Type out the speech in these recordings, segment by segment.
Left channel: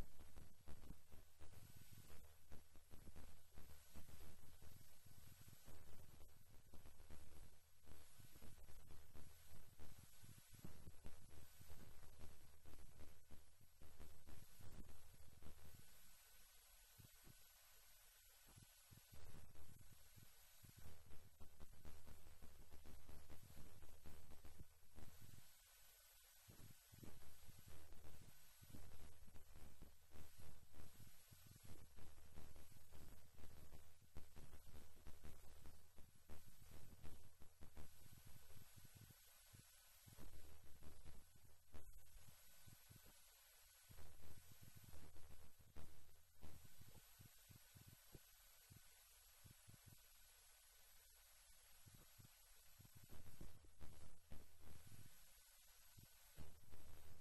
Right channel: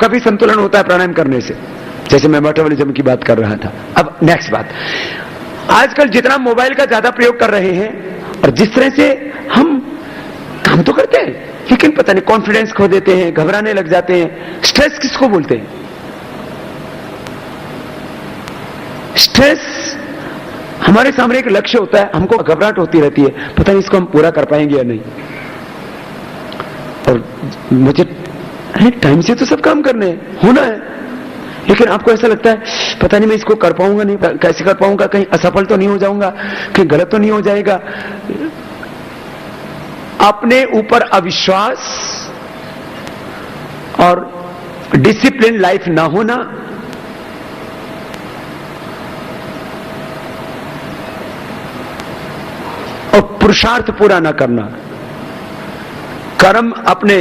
कभी संतुलन होता है प्राणायाम करने से, जैसे मैं मेटाबॉलिज्म की बात कर रहा था। अब नेक्स्ट बात, आजकल जितना मोबाइल का ज्यादा प्रयोग कर रहे हैं और जिस तरह से हम काम तो करते हैं लेकिन पता नहीं कॉन्फिडेंस खो देते हैं, घबराने लग जाते हैं। स्ट्रेस किसको बोलते हैं? स्ट्रेस हमारे सामने एक लक्ष्य होता है, हमको घबराहट होती रहती है, पता नहीं इसको हम पूरा कर पाएंगे या नहीं। और मुझे टाइम से तो सब काम करने हैं, होना है, लेकिन आपको ऐसा लगता है पता नहीं मैं इसको कर पाऊंगा नहीं, कैसे कर पाऊंगा, कहीं असफल तो नहीं हो जाऊंगा, कहीं गलत तो नहीं हो जाएगा। अपने ऊपर अविश्वास और डिसिप्लिन लाइफ ना होना, और पुरुषार्थ पूरा ना करना, कर्म अपने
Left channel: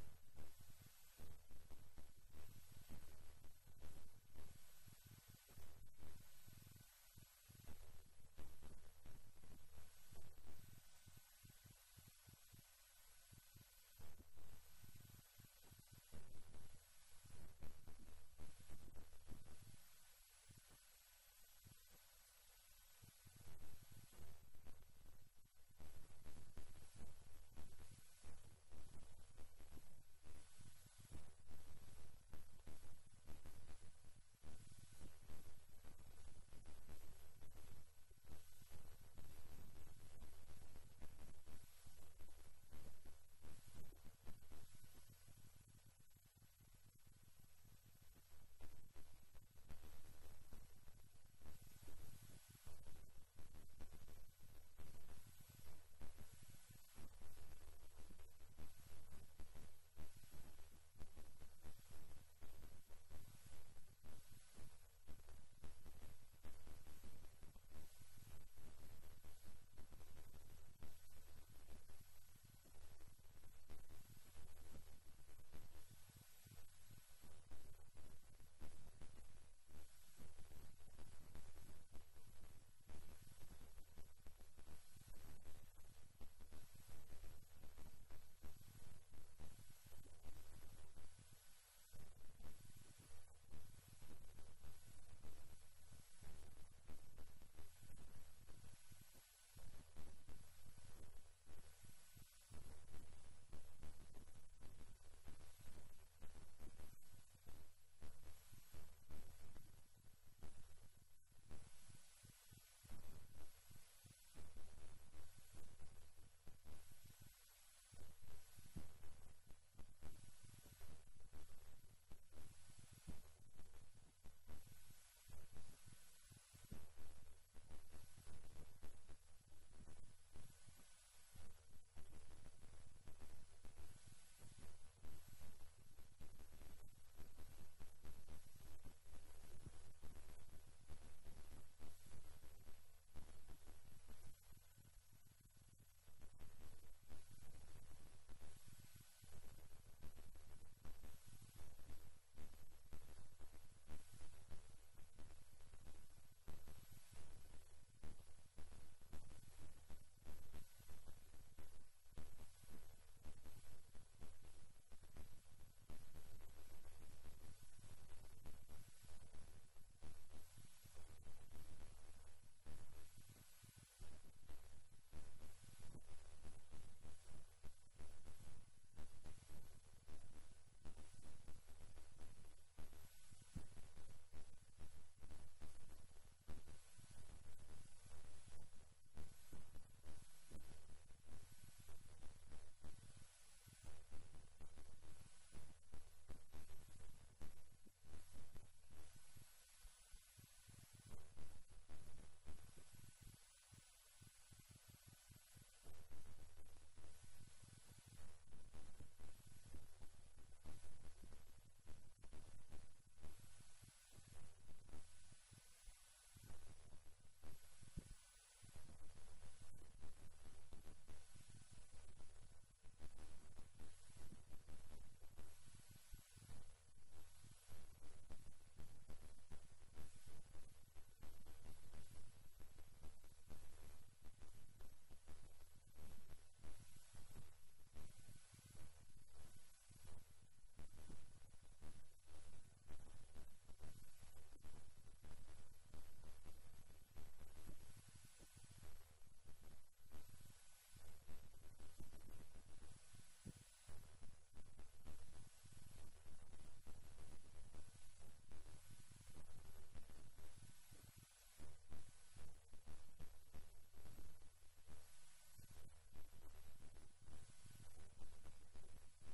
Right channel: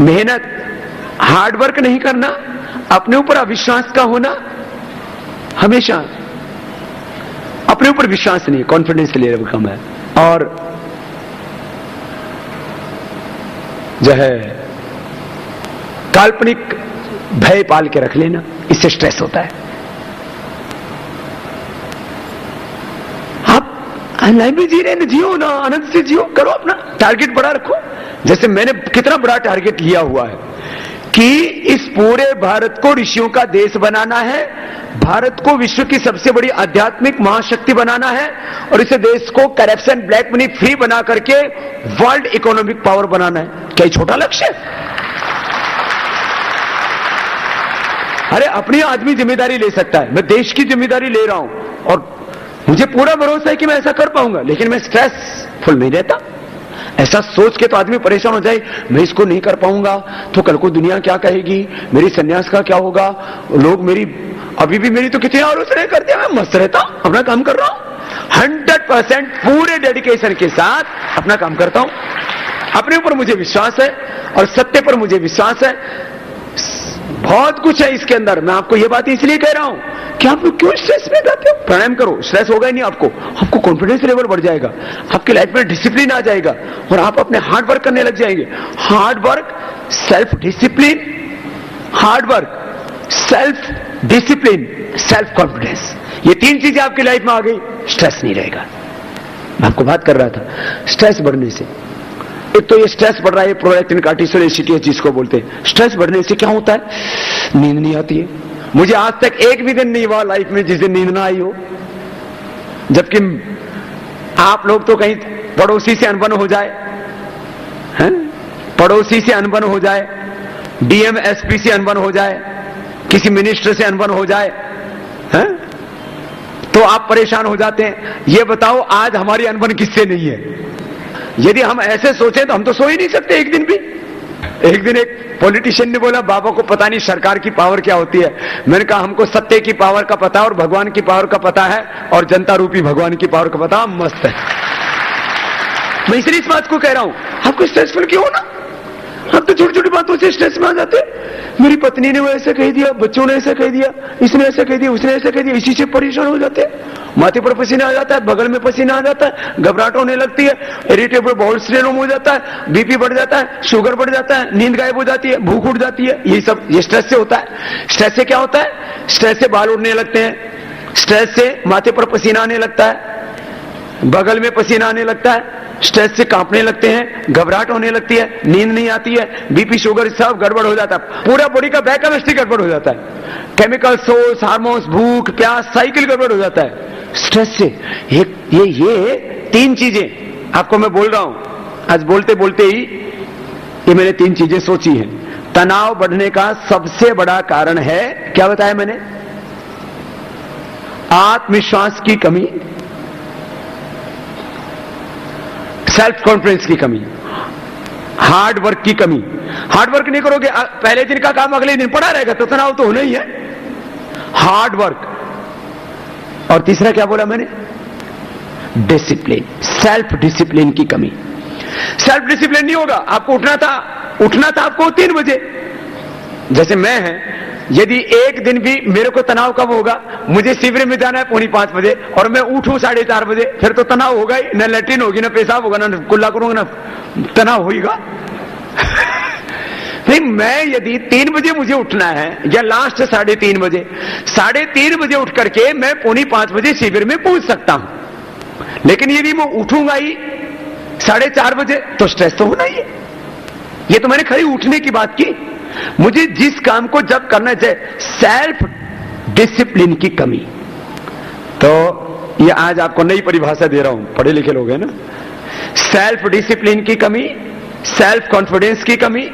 मेहनत हार्डवर्क नहीं करना, अपने ऊपर अविश्वास का होना, हमेशा अपने ऊपर विश्वास नहीं, कॉन्फिडेंस लेवल कम है, और जो है काल्पनिक भय पाल के रख लेना, इससे स्ट्रेस होता है। आप लाइफ में जी रहे हैं, जियो ना, आनंद से जियो, करो, अपना टारगेट बड़ा रखो। जैसे मैंने कितना बड़ा टारगेट लिया हुआ है कि इस पूरे भारत को ऋषियों का देश बनाना है, भारत को विश्व की सबसे बड़ी आध्यात्मिक महाशक्ति बनाना है, और इस देश को करप्शन, ब्लैक मनी फ्री बना करके वर्ल्ड इकोनॉमिक पावर बनाना है। क्या ये छोटा लक्ष्य है? अरे अपनी आदमी जिम्मेदारी ले सकता है, मैं देश की जिम्मेदारी ले रहा हूं और मुझे पूरा भरोसा है कि मैं ऐसा कर पाऊंगा, लेकिन मैं स्ट्रेसफुल नहीं रहता। ऐसा सोच के तो आदमी परेशान हो जाए, मैं इसको नहीं कर पाऊंगा तो कल को दुनिया क्या कहेगी, मेरी सन्यास का क्या होगा, लोग मेरी, अभी भी मेरी तो कितनी आलोचना करते हैं, मैं मस्त रहता हूं, अपना काम कर रहा हूं, 100% पूरे डेडिकेशन के साथ अपना काम करता हूं। अपने ऊपर मुझे विश्वास है और सत्य पर मुझे विश्वास है। बहुत कुछ है इसके अंदर, मैं आपको यह बात इसलिए कह रहा हूं कि आप लोग क्यों स्ट्रेस में जाते हो? प्राणायाम करो, स्ट्रेस होगा ही नहीं आपको कॉन्फिडेंस लेवल बढ़ जाएगा, आपकी लाइफ में डिसिप्लिन आ जाएगा और आप अपने हार्ड वर्क करने लग जाएंगे। Hard work, self discipline, hard work, self discipline, self confidence, ये तीन चीजें आपकी लाइफ में आ गई, स्ट्रेस नहीं रहेगा। मैं आपको बात कर रहा था स्ट्रेस बढ़ने से, एक तो ये स्ट्रेस बढ़ रहा है, प्रोलैक्टिन कार्टिसोल एसिटिएस जिसको बोलते हैं। स्ट्रेस बढ़ने से क्या होता है? नींद नहीं आती है। मुझे आज तक एक भी दिन नहीं हुआ लाइफ में जिस दिन नींद ना आई हो, जबकि आप लोग तो कहीं पड़ोसी से अनबन हो जाए, हैं? पड़ोसी से अनबन हो जाए, डीएम एसपी से अनबन हो जाए, किसी मिनिस्टर से अनबन हो जाए, हैं? तो आप परेशान हो जाते हैं। ये बताओ आज हमारी अनबन किससे नहीं है? यदि हम ऐसे सोचें तो हम तो सो ही नहीं सकते एक दिन भी। एक दिन एक पॉलिटिशियन ने बोला, बाबा को पता नहीं सरकार की पावर क्या होती है। मैंने कहा हमको सत्य की पावर का पता और भगवान की पावर का पता है और जनता रूपी भगवान की पावर का पता, मस्त है। मैं इसलिए इस बात को कह रहा हूं, आपको स्ट्रेसफुल क्यों होना? आप तो छोटी छोटी बातों से स्ट्रेस में आ जाते हैं। मेरी पत्नी ने वो ऐसा कह दिया, बच्चों ने ऐसा कह दिया, इसने ऐसा कह दिया, उसने ऐसा कह दिया, इसी से परेशान हो जाते हैं। माथे पर पसीना आ जाता है, बगल में पसीना आ जाता है, घबराहट होने लगती है, इरिटेबल बाउल सिंड्रोम हो जाता है, बीपी बढ़ जाता है, शुगर बढ़ जाता है, नींद गायब हो जाती है, भूख उठ जाती है। ये सब ये स्ट्रेस से होता है। स्ट्रेस से क्या होता है? स्ट्रेस से बाल उड़ने लगते हैं, स्ट्रेस से माथे पर पसीना आने लगता है, बगल में पसीना आने लगता है, स्ट्रेस से कांपने लगते हैं, घबराहट होने लगती है, नींद नहीं आती है, बीपी शुगर सब गड़बड़ हो जाता है, पूरा बॉडी का बायोकेमिस्ट्री गड़बड़ हो जाता है, केमिकल सोर्स, हार्मोन्स, भूख प्यास, साइकिल गड़बड़ हो जाता है स्ट्रेस से। ये तीन चीजें आपको मैं बोल रहा हूं, आज बोलते बोलते ही ये मैंने तीन चीजें सोची हैं। तनाव बढ़ने का सबसे बड़ा कारण है, क्या बताया मैंने? आत्मविश्वास की कमी, सेल्फ कॉन्फिडेंस की कमी, हार्ड वर्क की कमी। हार्ड वर्क नहीं करोगे, पहले दिन का काम अगले दिन पड़ा रहेगा तो तनाव तो होना ही है। हार्ड वर्क, और तीसरा क्या बोला मैंने? डिसिप्लिन, सेल्फ डिसिप्लिन की कमी। सेल्फ डिसिप्लिन नहीं होगा, आपको उठना था आपको 3 बजे, जैसे मैं है, यदि एक दिन भी मेरे को तनाव कब होगा? मुझे शिविर में जाना है 4:45 बजे और मैं उठूं 4:30 बजे, फिर तो तनाव होगा ही, न लैट्रिन होगी, न पेशाब होगा, न कुल्ला करूंगा, न तनाव होगा। भाई मैं यदि 3 बजे मुझे उठना है या लास्ट 3:30 बजे, 3:30 बजे उठ करके मैं 4:45 बजे शिविर में पहुंच सकता हूं। लेकिन यदि मैं उठूंगा ही 4:30 बजे तो स्ट्रेस तो होना ही है। ये तो मैंने खाली उठने की बात की। मुझे जिस काम को जब करना चाहिए, सेल्फ डिसिप्लिन की कमी। तो ये आज आपको नई परिभाषा दे रहा हूं, पढ़े लिखे लोग हैं ना। सेल्फ डिसिप्लिन की कमी, सेल्फ कॉन्फिडेंस की कमी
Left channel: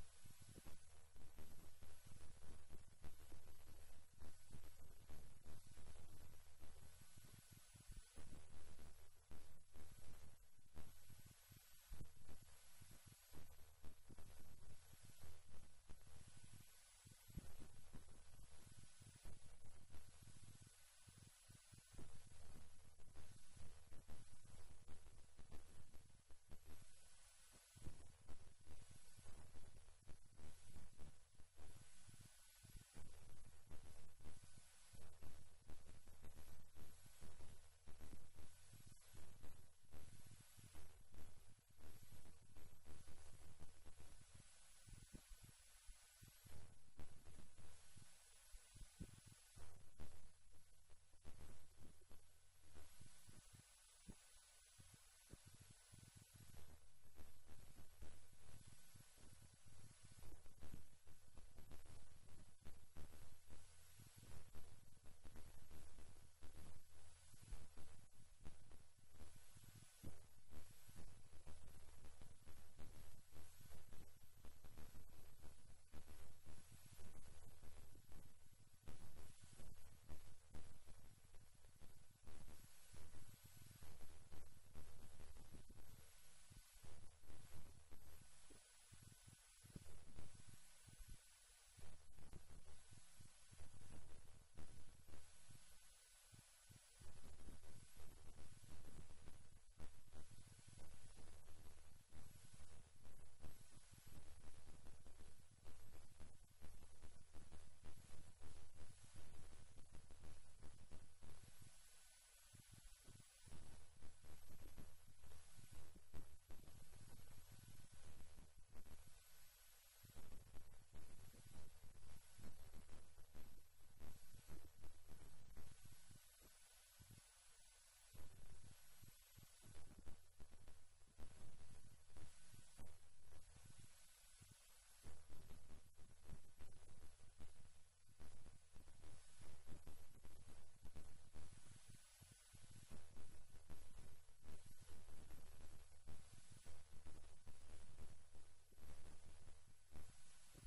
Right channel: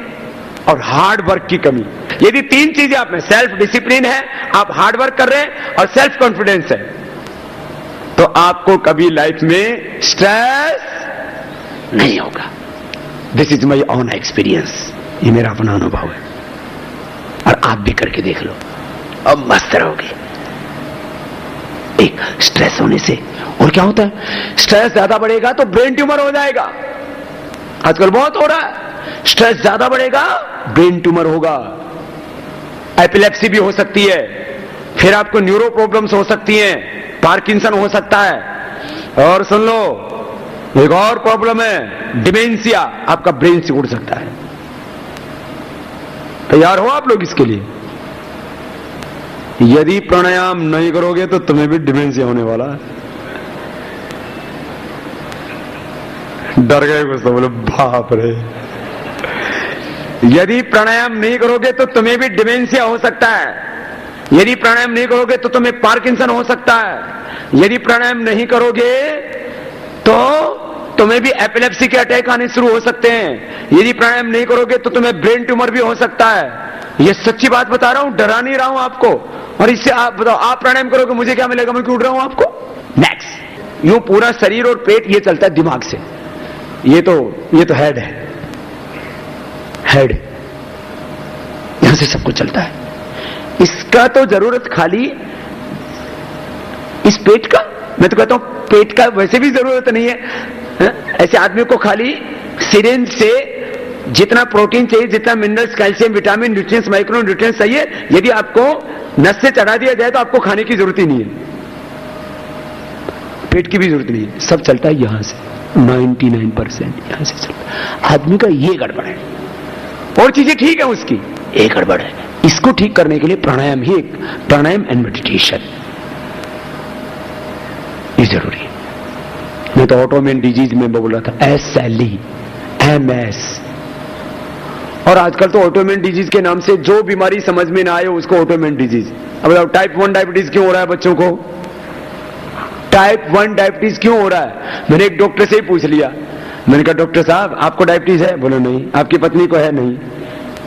और हार्ड वर्क की कमी। यदि 3 चीजें आप में, सेल्फ डिसिप्लिन है, आप हार्ड वर्क कर रहे हैं और सेल्फ कॉन्फिडेंस है, तो आपको कभी लाइफ में स्ट्रेस नहीं होगा। This is my own experience, ये मेरा अपना अनुभव है और आप भी करके देख लो, अब मस्त रहोगे। एक स्ट्रेस होने से और क्या होता है, स्ट्रेस ज्यादा बढ़ेगा तो ब्रेन ट्यूमर हो जाएगा। आजकल बहुत हो रहा है, स्ट्रेस ज्यादा बढ़ेगा ब्रेन ट्यूमर होगा, एपिलेप्सी भी हो सकती है, फिर आपको न्यूरो प्रॉब्लम्स हो सकती हैं, पार्किंसन हो सकता है, और सुन लो एक और प्रॉब्लम है, डिमेंशिया, आपका ब्रेन से उड़ सकता है। तैयार हो आप लोग इसके लिए? यदि प्राणायाम नहीं करोगे तो तुम्हें भी डिमेंशिया होने वाला है। डर गए कुछ तो बोले बाप रे। यदि प्राणायाम नहीं करोगे तो तुम्हें भी डिमेंशिया हो सकता है, यदि प्राणायाम नहीं करोगे तो तुम्हें पार्किंसन हो सकता है, यदि प्राणायाम नहीं करोगे तो तुम्हें भी एपिलेप्सी के अटैक आने शुरू हो सकते हैं, यदि प्राणायाम नहीं करोगे तो तुम्हें ब्रेन ट्यूमर भी हो सकता है। ये सच्ची बात बता रहा हूं, डरा नहीं रहा हूं आपको। और इससे आप बताओ, आप प्राणायाम करोगे मुझे क्या मिलेगा, मैं क्यों उड़ रहा हूं आपको। नेक्स्ट, यूं पूरा शरीर और पेट ये चलता है दिमाग से, ये तो हेड है, हेड यहां से सब कुछ चलता है। इसका तो जरूरत खाली इस पेट का, मैं तो कहता हूं पेट का वैसे भी जरूरत नहीं है। ऐसे आदमी को खाली सिरिंज से जितना प्रोटीन चाहिए, जितना minerals, calcium, vitamin, nutrients, micro nutrients चाहिए, यदि आपको नस से चढ़ा दिया जाए तो आपको खाने की जरूरत ही नहीं है, पेट की भी जरूरत नहीं है, सब चलता है यहां से। 99% यहां से चलता है। आदमी का ये गड़बड़ है, और चीजें ठीक है उसकी, ये गड़बड़ है। इसको ठीक करने के लिए प्राणायाम ही एक, प्राणायाम एंड मेडिटेशन ये जरूरी है। मैं तो ऑटोइम्यून डिजीज में बोल रहा था, SLE, MS, और आजकल तो ऑटोइम्यून डिजीज के नाम से जो बीमारी समझ में ना आए उसको ऑटोइम्यून डिजीज। अब टाइप 1 डायबिटीज क्यों हो रहा है बच्चों को, टाइप 1 डायबिटीज क्यों हो रहा है? मैंने एक डॉक्टर से ही पूछ लिया, मैंने कहा डॉक्टर साहब आपको डायबिटीज है? बोले नहीं। आपकी पत्नी को है? नहीं।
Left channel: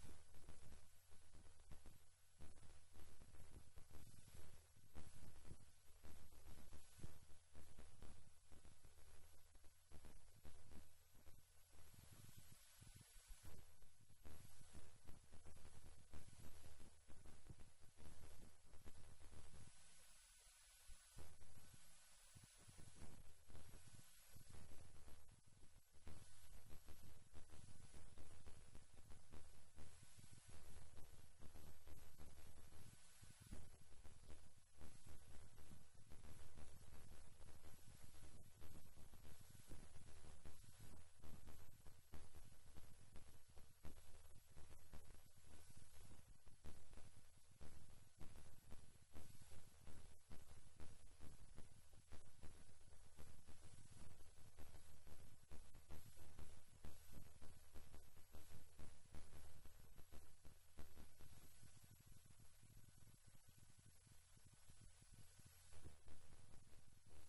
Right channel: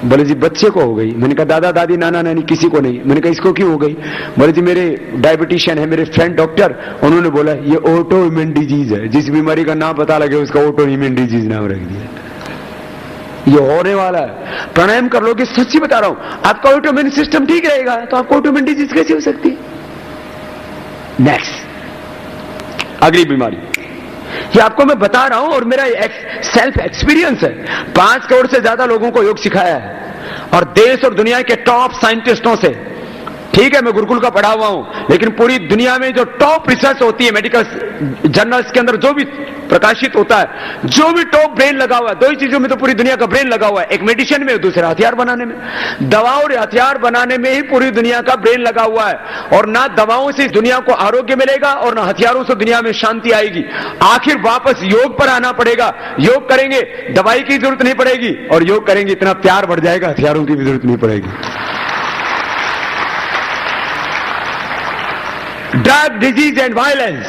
बोले जी बच्चे को हो गई। मैंने कहा दादा दादी नाना नानी किसी को नहीं। मैंने कहा इसको क्यों हो गई? बोले जी मेरे डायबिटिशियन है, मेरे फ्रेंड डॉक्टर, उन्होंने बोला ये ऑटो इम्यून डिजीज है, जिस बीमारी का नाम पता लगे उसका ऑटो इम्यून डिजीज नाम रख दिया। ये होने वाला है। प्राणायाम कर लोगे, सच्ची बता रहा हूं, आपका ऑटो इम्यून सिस्टम ठीक रहेगा तो आपको ऑटो इम्यून डिजीज कैसे हो सकती है? नेक्स्ट, अगली बीमारी, ये आपको मैं बता रहा हूं और मेरा सेल्फ एक्सपीरियंस है। 5 करोड़ से ज्यादा लोगों को योग सिखाया है और देश और दुनिया के टॉप साइंटिस्टों से। ठीक है मैं गुरुकुल का पढ़ा हुआ हूं, लेकिन पूरी दुनिया में जो टॉप रिसर्च होती है, मेडिकल जर्नल्स के अंदर जो भी प्रकाशित होता है, जो भी टॉप ब्रेन लगा हुआ है, 2 ही चीजों में तो पूरी दुनिया का ब्रेन लगा हुआ है, एक मेडिसिन में, दूसरा हथियार बनाने में। दवा और हथियार बनाने में ही पूरी दुनिया का ब्रेन लगा हुआ है। और ना दवाओं से दुनिया को आरोग्य मिलेगा और ना हथियारों से दुनिया में शांति आएगी। आखिर वापस योग पर आना पड़ेगा। योग करेंगे दवाई की जरूरत नहीं पड़ेगी, और योग करेंगे इतना प्यार बढ़ जाएगा, हथियारों की भी जरूरत नहीं पड़ेगी। Drug disease and violence,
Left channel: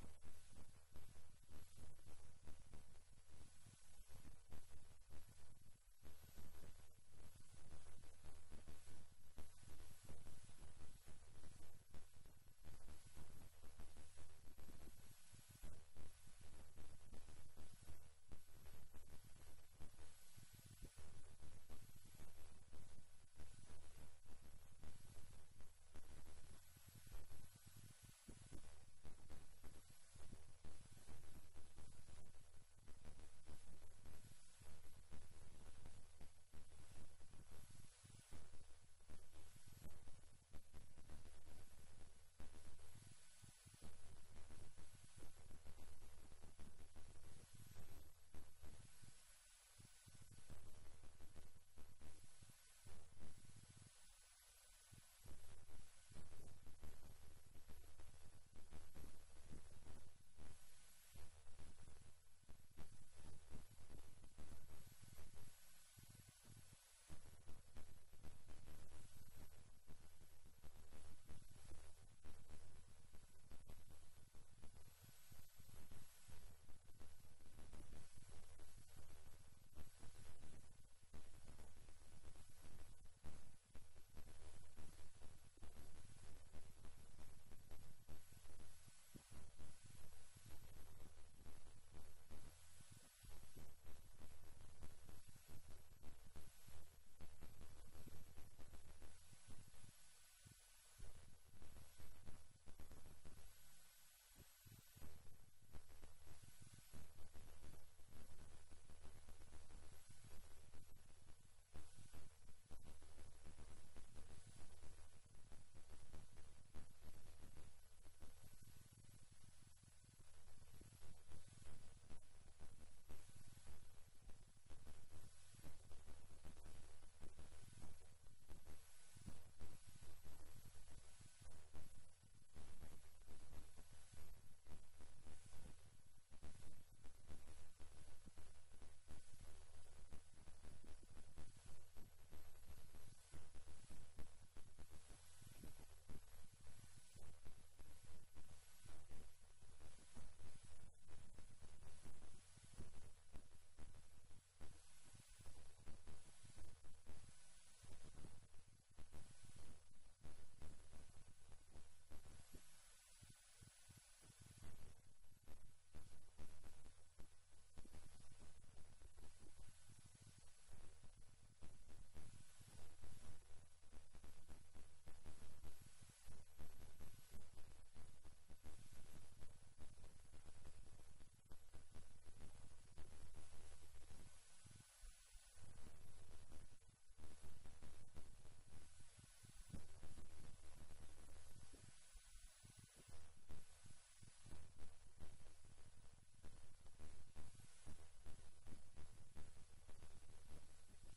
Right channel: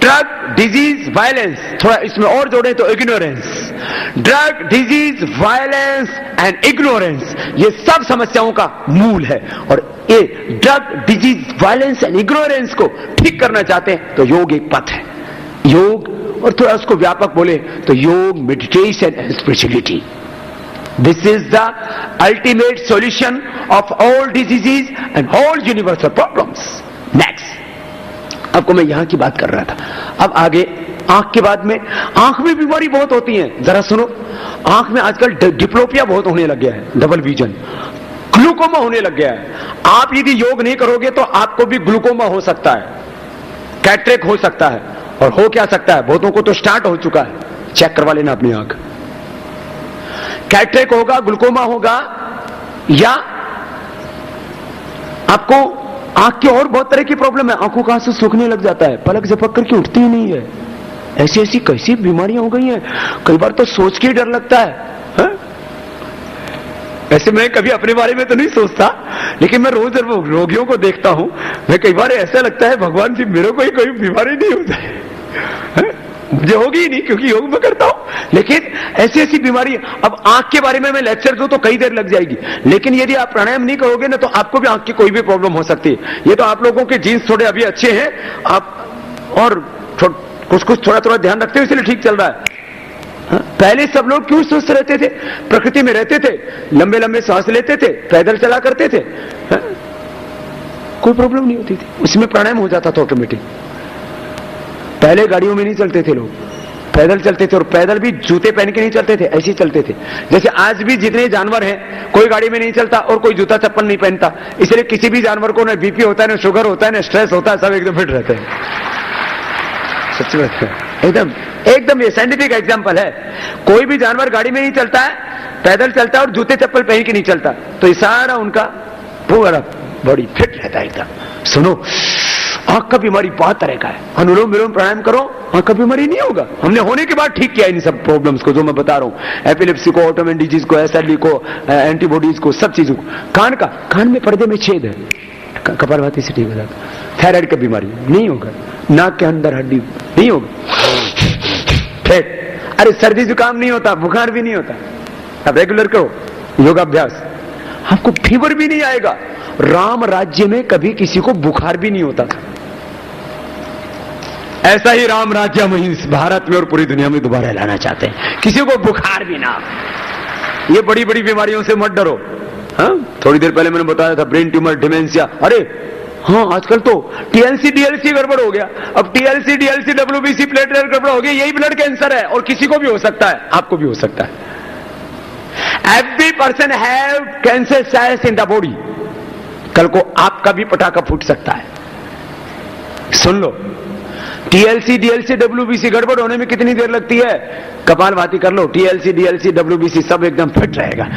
drug disease violence, थोड़ा इसमें और जोड़ें तो ignorance. Drug disease violence and ignorance, ये सब समस्याओं का मूल है। और ये drug disease violence and ignorance को ठीक करना चाहते हैं तो योग एक पथ है। योग, और थोड़ा उसको व्यापक बोले तो योग, meditation and spirituality, this is the ultimate solution of all diseases and all universal problems. Next, आपको मैं यहां की बात कर रहा था। अब आगे आंख के बाद में, आंख में बीमारी बहुत होती है, जरा सुनो। आंख में आजकल डिप्लोपिया बहुत होने लग गया है, डबल विजन, ग्लूकोमा होने लग गया है। आप यदि योग नहीं करोगे तो आपको भी ग्लूकोमा हो सकता है, कैटरेक्ट हो सकता है, और हो क्या सकता है, बहुतों को तो स्टार्ट हो चुका है। चेक करवा लेना अपनी आंख। कैटरेक्ट होगा, ग्लूकोमा होगा, या आपको आंख की और बहुत तरह की प्रॉब्लम है। आंखों का आंसू सूखने लग जाता है, पलक झपक करके उठती ही नहीं है। ऐसी ऐसी कैसी बीमारियां हो गई हैं, कई बार तो सोच के ही डर लगता है। ऐसे मैं कभी अपने बारे में तो नहीं सोचता, लेकिन मैं रोज रोगियों को देखता हूं, मैं कई बार ऐसा लगता है भगवान जी मेरे को ही कोई बीमारी नहीं हो जाए। मुझे होगी ही नहीं, क्योंकि योग में करता हूं। लेकिन ऐसी ऐसी बीमारी, अब आंख के बारे में मैं लेक्चर दूं तो कई देर लग जाएगी, लेकिन यदि आप प्राणायाम नहीं करोगे ना तो आपको भी आंख की कोई भी प्रॉब्लम हो सकती है। ये तो आप लोगों के जीन्स थोड़े अभी अच्छे हैं, आप और कुछ कुछ थोड़ा थोड़ा ध्यान रखते हो, इसलिए ठीक चल रहा है। पहले सब लोग क्यों स्वस्थ रहते थे, प्रकृति में रहते थे, लंबे लंबे सांस लेते थे, पैदल चला करते थे, कोई प्रॉब्लम नहीं होती थी, उसमें प्राणायाम हो जाता था ऑटोमेटिक। पहले गाड़ियों में नहीं चलते थे लोग, पैदल चलते थे, और पैदल भी जूते पहन के नहीं चलते थे, ऐसे ही चलते थे। जैसे आज भी जितने जानवर हैं, कोई गाड़ी में नहीं चलता और कोई जूता चप्पल नहीं पहनता, इसलिए किसी भी जानवर को ना बीपी होता है, ना शुगर होता है, ना स्ट्रेस होता है, सब एकदम फिट रहते हैं। सच्ची बात है, एकदम एकदम ये साइंटिफिक एग्जांपल है। कोई भी जानवर गाड़ी में नहीं चलता है, पैदल चलता है और जूते चप्पल पहन के नहीं चलता, तो ये सारा उनका पूरा बॉडी फिट रहता है एकदम। सुनो, आंख का बीमारी बहुत तरह का है, अनुलोम विलोम प्राणायाम करो, आंख का बीमारी नहीं होगा। हमने होने के बाद ठीक किया इन सब प्रॉब्लम्स को जो मैं बता रहा हूं, एपिलेप्सी को, ऑटोइम्यून डिजीज को, एसएलई को, एंटीबॉडीज को, सब चीजों को। कान में पर्दे में छेद है, कपालभाति से ठीक हो जाता। थायराइड की बीमारी नहीं होगा, नाक के अंदर हड्डी नहीं होगी, फिर अरे सर्दी जुकाम नहीं होता, बुखार भी नहीं होता। अब रेगुलर करो योगाभ्यास, आपको फीवर भी नहीं आएगा। राम राज्य में कभी किसी को बुखार भी नहीं होता था, ऐसा ही राम राज्य हम इस भारत में और पूरी दुनिया में दोबारा लाना चाहते हैं, किसी को बुखार भी ना। ये बड़ी बड़ी बीमारियों से मत डरो। हाँ, थोड़ी देर पहले मैंने बताया था ब्रेन ट्यूमर, डिमेंशिया, अरे हाँ आजकल तो टीएलसी डीएलसी गड़बड़ हो गया। अब टीएलसी डीएलसी डब्ल्यूबीसी प्लेटलेट गड़बड़ हो गया, यही ब्लड कैंसर है, और किसी को भी हो सकता है, आपको भी हो सकता है। Every person have cancer cells in the body, कल को आपका भी पटाखा फूट सकता है। सुन लो, टीएलसी डीएलसी डब्ल्यूबीसी गड़बड़ होने में कितनी देर लगती है, कपालभाति कर लो, टीएलसी डीएलसी डब्ल्यूबीसी सब एकदम फिट रहेगा।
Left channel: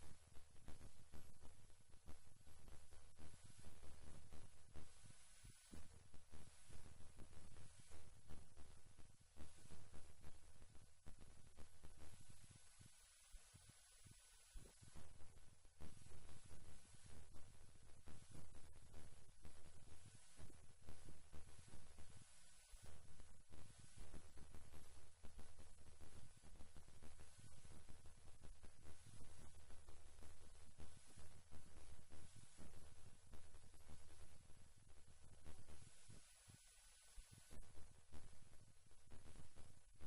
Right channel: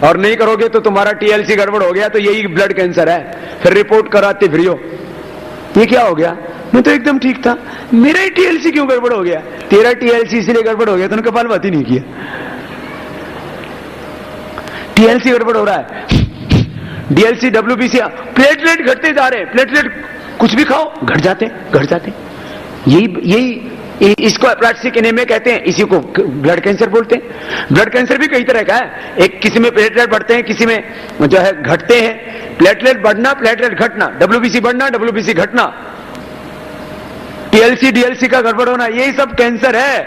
और नहीं करोगे तो तुम्हारा टीएलसी गड़बड़ हो गया तो यही ब्लड कैंसर है, फिर रिपोर्ट कराते फिर ये क्या हो गया, मैं तो एकदम ठीक था, मेरा ही टीएलसी क्यों गड़बड़ हो गया। तेरा टीएलसी इसलिए गड़बड़ हो गया तूने कपालभाति नहीं किया, टीएलसी गड़बड़ हो रहा है, डीएलसी डब्ल्यूबीसी, प्लेटलेट घटते जा रहे हैं, प्लेटलेट कुछ भी खाओ घट जाते यही इसको एप्लास्टिक एनीमिया कहते हैं, इसी को ब्लड कैंसर बोलते हैं। ब्लड कैंसर भी कई तरह का है, एक किसी में प्लेटलेट बढ़ते हैं, किसी में जो है घटते हैं। प्लेटलेट बढ़ना, प्लेटलेट घटना, डब्ल्यूबीसी बढ़ना, डब्ल्यूबीसी घटना, टीएलसी डीएलसी का गड़बड़ होना, यही सब कैंसर है।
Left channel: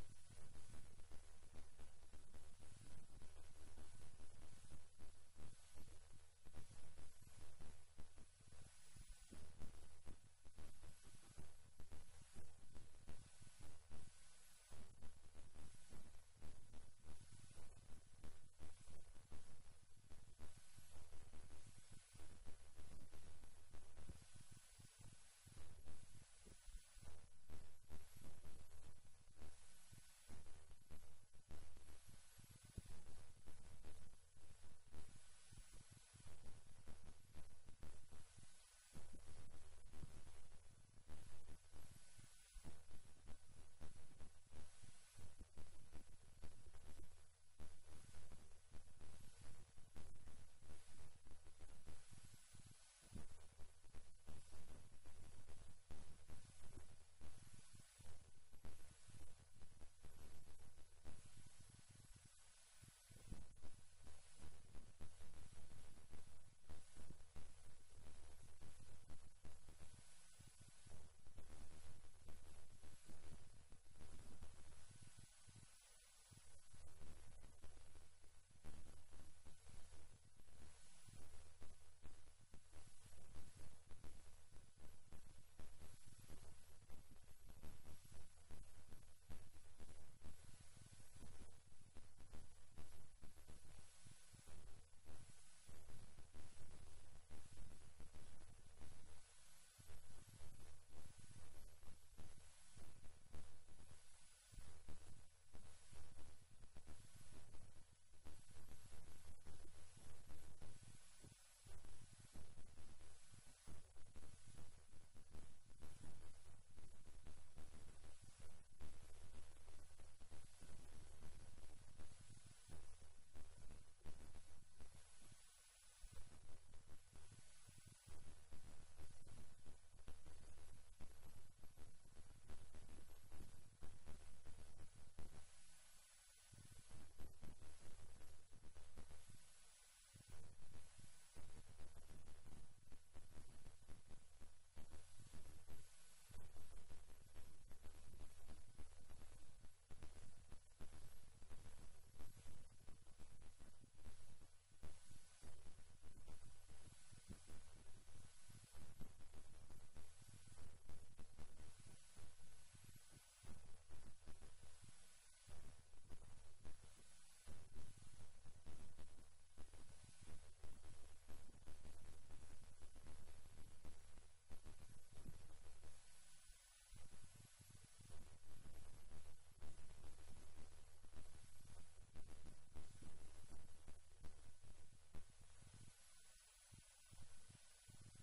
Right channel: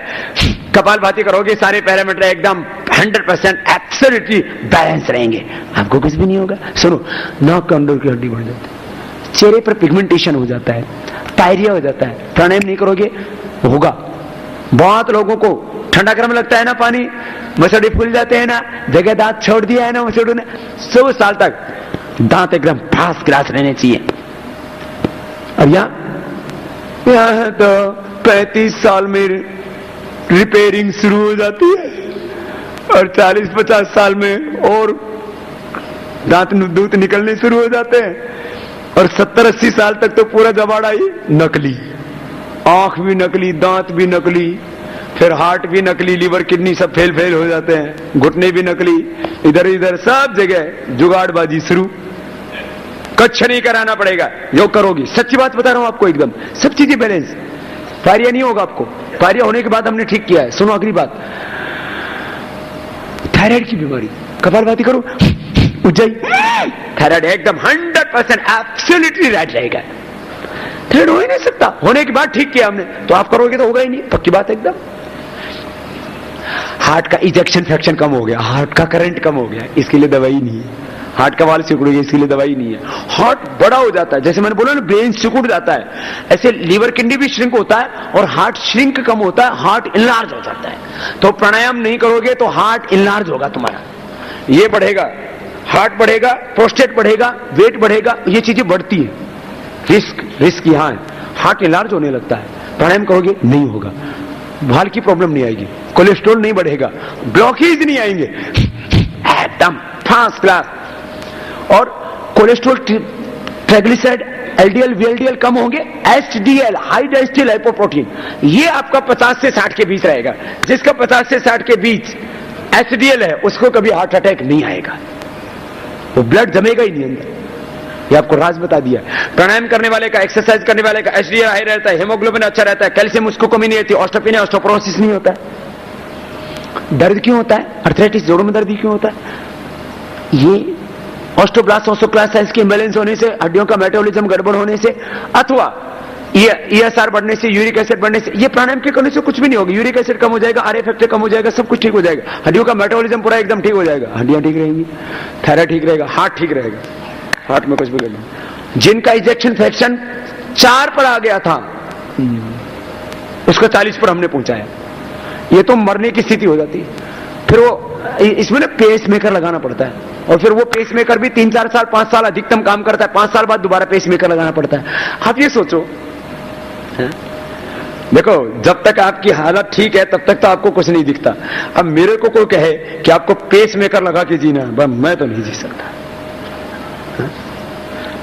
कपालभाति करोगे सारे पैरामीटर एकदम 100% एब्सोल्युटली बैलेंस रहेंगे, आपको कुछ भी नहीं होगा। सुनो, नाक के अंदर की हड्डी बढ़ जाती है, चेहरे पर पिगमेंटेशन हो जाता है, डायरिया हो जाता है, प्राणायाम नहीं करोगे होगा। बहुत लोगों को ठंडा गर्म लगता है ना पानी, मसोड़े फूल जाते हैं ना, जगह दांत छोड़ दिया है ना मसोड़ों ने, 100 साल तक दांत एकदम फर्स्ट क्लास रहने चाहिए। अब यहाँ तो 35 साल में रिपेयरिंग शुरू हो जाती है, और 40-50 साल में और दांत दूत निकलने शुरू हो जाते हैं, और 70-80 साल तक तो पूरा जबाड़ा ही नकली, आंख भी नकली, दांत भी नकली, फिर हार्ट भी नकली, लीवर किडनी सब फेल हो जाते हैं, घुटने भी नकली, इधर इधर सब जगह जुगाड़बाजी शुरू। कुछ नहीं कराना पड़ेगा, योग करोगी, सच्ची बात बता रहा हूं आपको, एकदम सब चीजें बैलेंस। पायरिया नहीं होगा आपको, पायरिया होने के बाद हमने ठीक किया है। सुनो अगली बात, थायराइड की बीमारी, कपालभाति करो उठ जाए, थायराइड एकदम 100% एब्सोल्युटली राइट रहेगा। थायराइड हो ही नहीं सकता, होने के बाद ठीक किया हमने, तो आप करोगे तो होगा ही नहीं, पक्की बात एकदम। हार्ट का इजेक्शन फ्रैक्शन कम हो गया, हार्ट का करंट कम हो गया, इसके लिए दवाई नहीं है। हार्ट का वाल सिकुड़ गया, इसके लिए दवाई नहीं है। हार्ट बड़ा हो जाता है, जैसे मैंने बोला ना ब्रेन सिकुड़ जाता है, ऐसे लीवर किडनी भी श्रिंक होता है, और हार्ट श्रिंक कम होता है, हार्ट इनलार्ज हो जाता है। तो प्राणायाम नहीं करोगे तो हार्ट इनलार्ज होगा तुम्हारा, ये बढ़ेगा, हार्ट बढ़ेगा, प्रोस्टेट बढ़ेगा, वेट बढ़ेगा, ये चीजें बढ़ती है। रिस्क यहाँ है, हार्ट इनलार्ज होने लगता है। प्राणायाम करोगे नहीं होगा, भाल की प्रॉब्लम नहीं आएगी, कोलेस्ट्रॉल नहीं बढ़ेगा, ब्लॉकेज नहीं आएंगे, एकदम फर्स्ट क्लास। और कोलेस्ट्रॉल, ट्राइग्लिसराइड, एलडीएल, वीएलडीएल कम होंगे, एचडीएल, हाई डेंसिटी लाइपोप्रोटीन, ये आपका 50 से 60 के बीच रहेगा। जिसका 50 से 60 के बीच एचडीएल है उसको कभी हार्ट अटैक नहीं आएगा, वो ब्लड जमेगा ही नहीं अंदर। ये आपको राज बता दिया। प्राणायाम करने वाले का, एक्सरसाइज करने वाले का एचडीएल हाई रहता है, हेमोग्लोबिन अच्छा रहता है, कैल्शियम उसको कमी नहीं रहती, ऑस्टियोपेनिया, ऑस्टियोपोरोसिस नहीं होता है। दर्द क्यों होता है? अर्थराइटिस, जोड़ों में दर्द क्यों होता है? ये ऑस्टोब्लास्ट, ऑस्टोक्लास्ट के इम्बैलेंस होने से, हड्डियों का मेटाबॉलिज्म गड़बड़ होने से, अथवा ईएसआर बढ़ने से, यूरिक एसिड बढ़ने से। ये प्राणायाम के करने से कुछ भी नहीं होगा। यूरिक एसिड कम हो जाएगा, आरए फैक्टर कम हो जाएगा, सब कुछ ठीक हो जाएगा, हड्डियों का मेटाबॉलिज्म पूरा एकदम ठीक हो जाएगा, हड्डियां ठीक रहेंगी, थायराइड ठीक रहेगा, हार्ट ठीक रहेगा, हार्ट में कुछ भी नहीं। जिनका इजेक्शन फ्रैक्शन 4 पर आ गया था उसको 40 पर हमने पहुंचाया, ये तो मरने की स्थिति हो जाती है। फिर वो इसमें ना पेस मेकर लगाना पड़ता है, और फिर वो पेस मेकर भी 3-4 साल 5 साल अधिकतम काम करता है, 5 साल बाद दोबारा पेस मेकर लगाना पड़ता है। आप ये सोचो, देखो जब तक आपकी हालत ठीक है तब तक तो आपको कुछ नहीं दिखता। अब मेरे को कोई कहे कि आपको पेस मेकर लगा के जीना है, मैं तो नहीं जी सकता।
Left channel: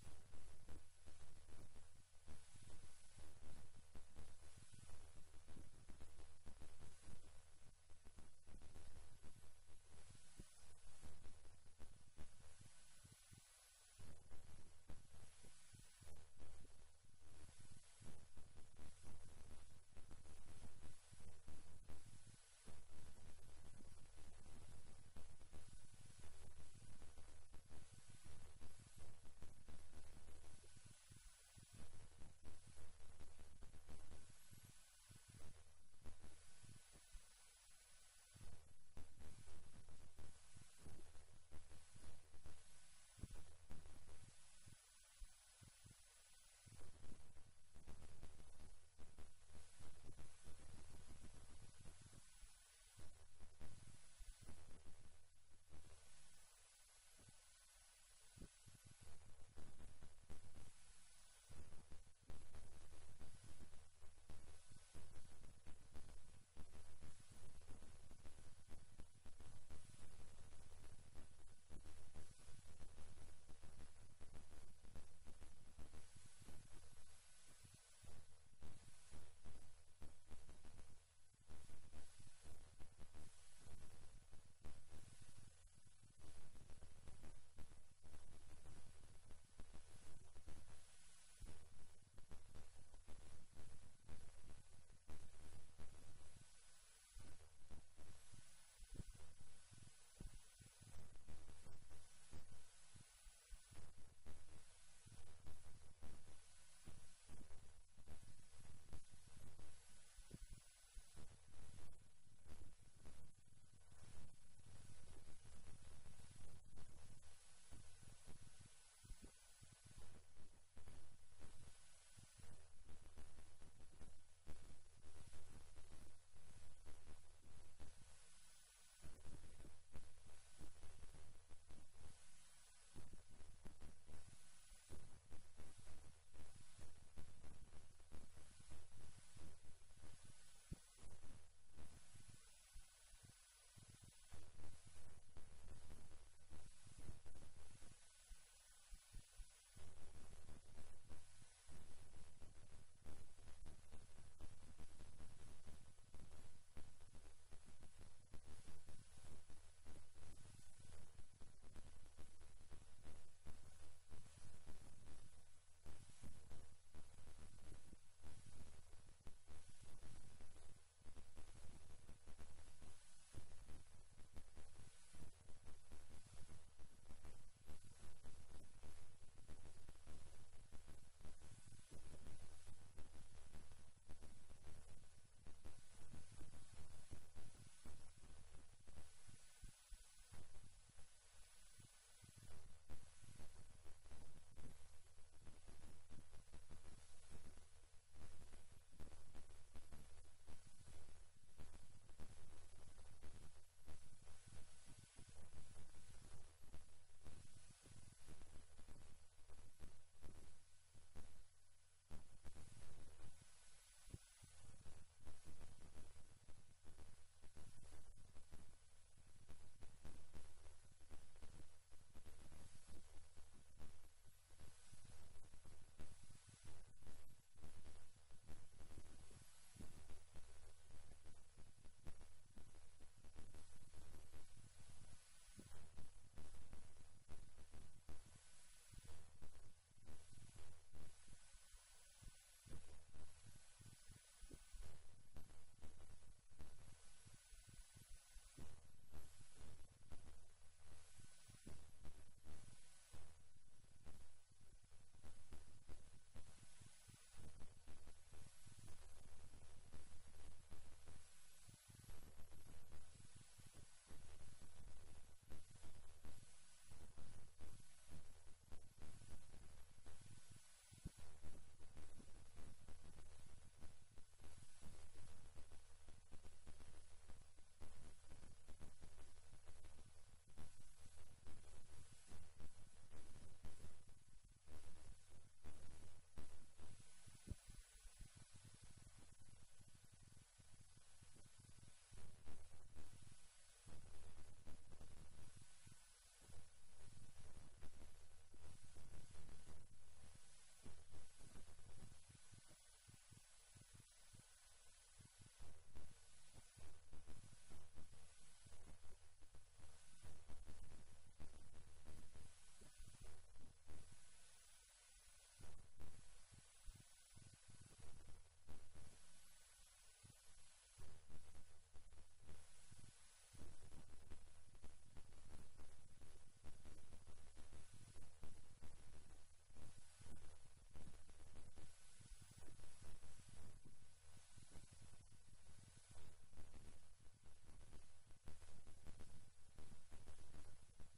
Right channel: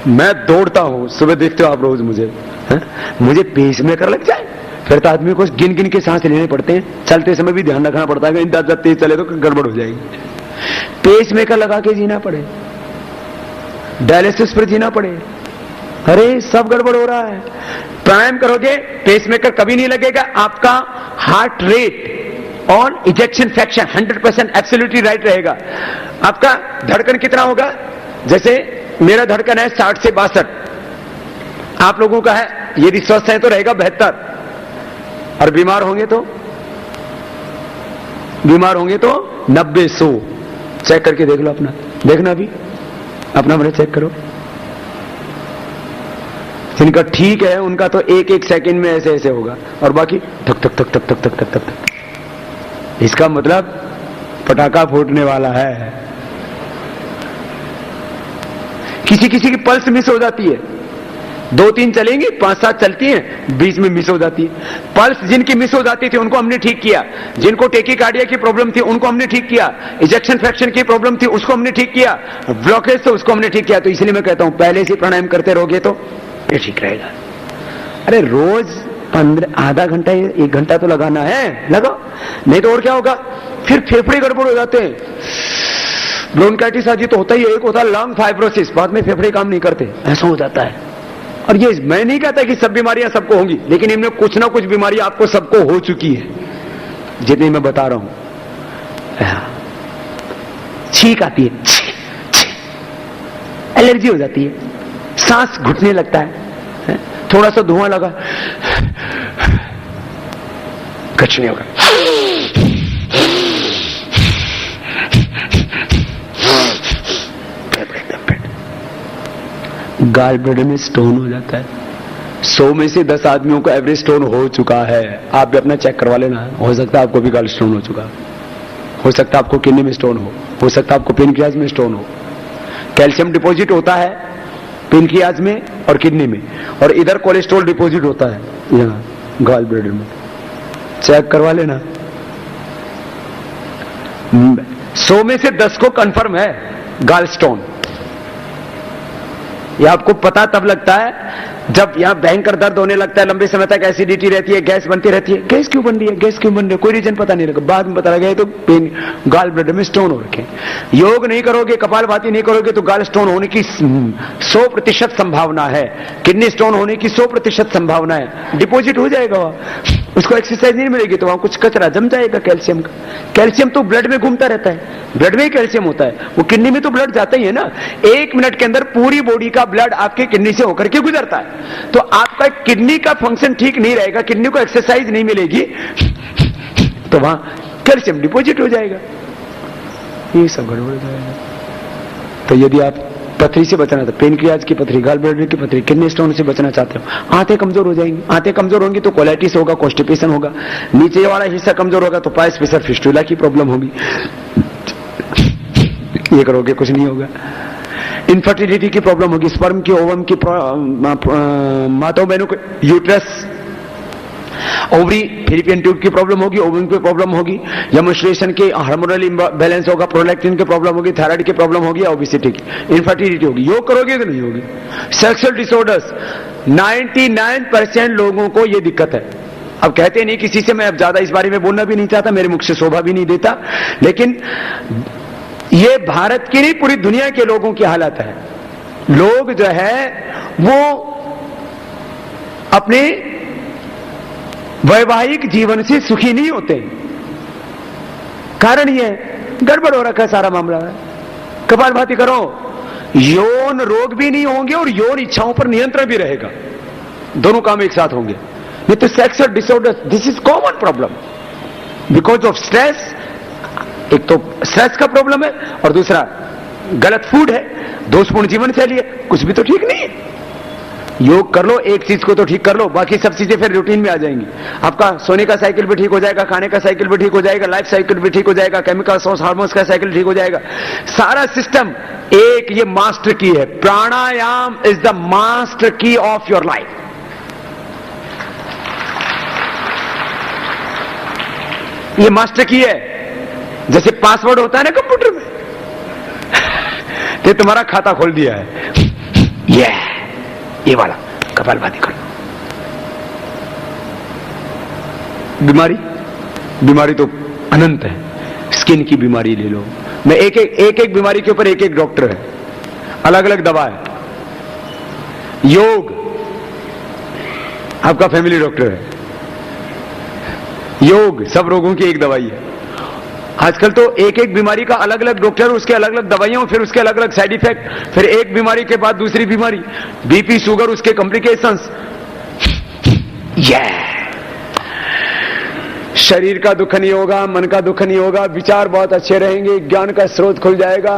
मैं दौड़ता हूं, सुबह देखते हो आप रोज मुझे पेस मेकर लग जाए, फिर तो आदमी को गिन गिन के सांस लेने पड़ते हैं, चलते समय भी ध्यान रखना पड़ता है, जब तेज चले तो गड़बड़ हो जाएगी। पेस मेकर लगा के जीना पड़े, डायलिसिस पर जीना पड़े, अरे सब गड़बड़ हो रहा है। प्राणायाम करोगे पेस मेकर कभी नहीं लगेगा, आपका हार्ट रेट और इजेक्शन फ्रैक्शन 100% एब्सोल्युटली राइट रहेगा। आपका धड़कन कितना होगा? जैसे मेरा धड़कन है 60 से 62, आप लोगों का है, यदि स्वस्थ है तो रहेगा 72, और बीमार होंगे तो 90-100। चेक करके देख लो अपना, देखना भी अपना मेरे चेक करो। जिनका ठीक है उनका तो 1-1 सेकंड में ऐसे ऐसे होगा, और बाकी ठक ठक ठक ठक ठक ठक ठक ठक। इसका मतलब पटाखा फूटने वाला है। किसी किसी की पल्स मिस हो जाती है, 2-3 चलेंगी, 5-7 चलती हैं, बीच में मिस हो जाती है। पल्स जिनकी मिस हो जाती थी उनको हमने ठीक किया, जिनको टेकीकार्डिया की प्रॉब्लम थी उनको हमने ठीक किया, इजेक्शन फ्रैक्शन की प्रॉब्लम थी उसको हमने ठीक किया, ब्लॉकेज तो उसको हमने ठीक किया। तो इसलिए मैं कहता हूं पहले से प्राणायाम करते रहोगे तो ये ठीक रहेगा। अरे रोज 15 आधा घंटा 1 घंटा तो लगाना है, लगाओ, नहीं तो और क्या होगा, फिर फेफड़े गड़बड़ हो जाते हैं। ब्रोंकाइटिस आदि तो होता ही है, एक होता है लंग फाइब्रोसिस, बाद में फेफड़े काम नहीं करते, ऐसा हो जाता है। और ये मैं नहीं कहता कि सब बीमारियां सबको होंगी, लेकिन इनमें कुछ ना कुछ बीमारियां आपको सबको हो चुकी है, जितनी मैं बता रहा हूं। छींक आती है, एलर्जी हो जाती है, सांस घुटने लगता है, थोड़ा सा धुआं लगा कुछ नहीं होगा, गाल ब्लैडर में स्टोन हो जाता है। 100 में से 10 आदमियों को एवरेज स्टोन हो चुका है। आप भी अपना चेक करवा लेना, हो सकता है आपको भी गाल स्टोन हो चुका, हो सकता है आपको किडनी में स्टोन हो सकता है आपको पेनक्रियाज में स्टोन हो। कैल्शियम डिपॉजिट होता है पेनक्रियाज में और किडनी में, और इधर कोलेस्ट्रॉल डिपॉजिट होता है यहाँ गाल ब्लैडर में, चेक करवा लेना। 100 में से 10 को कंफर्म है गाल स्टोन। ये आपको पता तब लगता है जब यहां भयंकर दर्द होने लगता है, लंबे समय तक एसिडिटी रहती है, गैस बनती रहती है। गैस क्यों बन रही है, गैस क्यों बन रही है, कोई रीजन पता नहीं लगा, बाद में पता लगा तो पेन गाल ब्लैडर में स्टोन हो रखे। योग नहीं करोगे, कपालभाति नहीं करोगे तो गाल स्टोन होने की 100% संभावना है, किडनी स्टोन होने की 100% संभावना है। डिपॉजिट हो जाएगा वहां, उसको एक्सरसाइज नहीं मिलेगी तो वहां कुछ कचरा जम जाएगा कैल्शियम का। कैल्शियम तो ब्लड में घूमता रहता है, ब्लड में ही कैल्शियम होता है, वो किडनी में तो ब्लड जाता ही है ना। 1 मिनट के अंदर पूरी बॉडी का ब्लड आपके किडनी से होकर के गुजरता है, तो आपका किडनी का फंक्शन ठीक नहीं रहेगा, किडनी को एक्सरसाइज नहीं मिलेगी तो वहां कैल्शियम डिपॉजिट हो जाएगा, ये सब गड़बड़ हो जाएगा। तो यदि आप पथरी से बचना चाहते, पेनक्रियाज की पथरी, गाल ब्लैडर की पथरी, किडनी स्टोन से बचना चाहते हो, आंतें कमजोर हो जाएंगी, आंतें कमजोर होंगी तो कोलाइटिस होगा, कॉन्स्टिपेशन होगा, नीचे वाला हिस्सा कमजोर होगा तो पाइस फिशर फिस्टुला की प्रॉब्लम होगी। ये करोगे कुछ नहीं होगा। इनफर्टिलिटी की प्रॉब्लम होगी, स्पर्म की, ओवम की, माताओं बहनों को यूट्रस, ओवरी फिलिपियन ट्यूब की प्रॉब्लम होगी, ओवम की प्रॉब्लम होगी, या मेंस्ट्रुएशन के हार्मोनल इम्बैलेंस होगा, प्रोलैक्टिन की प्रॉब्लम होगी, थायराइड की प्रॉब्लम होगी, ओबेसिटी की, इनफर्टिलिटी होगी। योग करोगे तो नहीं होगी। सेक्सुअल डिसऑर्डर्स 99% लोगों को यह दिक्कत है। अब कहते नहीं किसी से, मैं अब ज्यादा इस बारे में बोलना भी नहीं चाहता, मेरे मुख से शोभा भी नहीं देता, लेकिन यह भारत की नहीं पूरी दुनिया के लोगों की हालत है। लोग जो है वो अपने वैवाहिक जीवन से सुखी नहीं होते। कारण यह गड़बड़ हो रखा है सारा मामला है। कपालभाति करो, यौन रोग भी नहीं होंगे और यौन इच्छाओं पर नियंत्रण भी रहेगा, दोनों काम एक साथ होंगे। नहीं तो sexual disorder this is common problem because of stress. एक तो स्ट्रेस का प्रॉब्लम है और दूसरा गलत फूड है, दोषपूर्ण जीवन शैली है, कुछ भी तो ठीक नहीं है। योग कर लो, एक चीज को तो ठीक कर लो, बाकी सब चीजें फिर रूटीन में आ जाएंगी। आपका सोने का साइकिल भी ठीक हो जाएगा, खाने का साइकिल भी ठीक हो जाएगा, लाइफ साइकिल भी ठीक हो जाएगा, केमिकल सोर्स हार्मोन्स का साइकिल ठीक हो जाएगा। सारा सिस्टम एक ये मास्टर की है। प्राणायाम इज द मास्टर की ऑफ योर लाइफ। ये मास्टर की है, जैसे पासवर्ड होता है ना कंप्यूटर में, तो तुम्हारा खाता खोल दिया है। ये वाला कपालभाति कर। बीमारी तो अनंत है। स्किन की बीमारी ले लो, मैं एक बीमारी के ऊपर एक डॉक्टर है, अलग अलग दवा है। योग आपका फैमिली डॉक्टर है। योग सब रोगों की एक दवाई है। आजकल तो एक बीमारी का अलग अलग डॉक्टर, उसके अलग अलग दवाइयां, फिर उसके अलग अलग साइड इफेक्ट, फिर एक बीमारी के बाद दूसरी बीमारी, बीपी शुगर, उसके कॉम्प्लिकेशंस। शरीर का दुख नहीं होगा, मन का दुख नहीं होगा, विचार बहुत अच्छे रहेंगे, ज्ञान का स्रोत खुल जाएगा,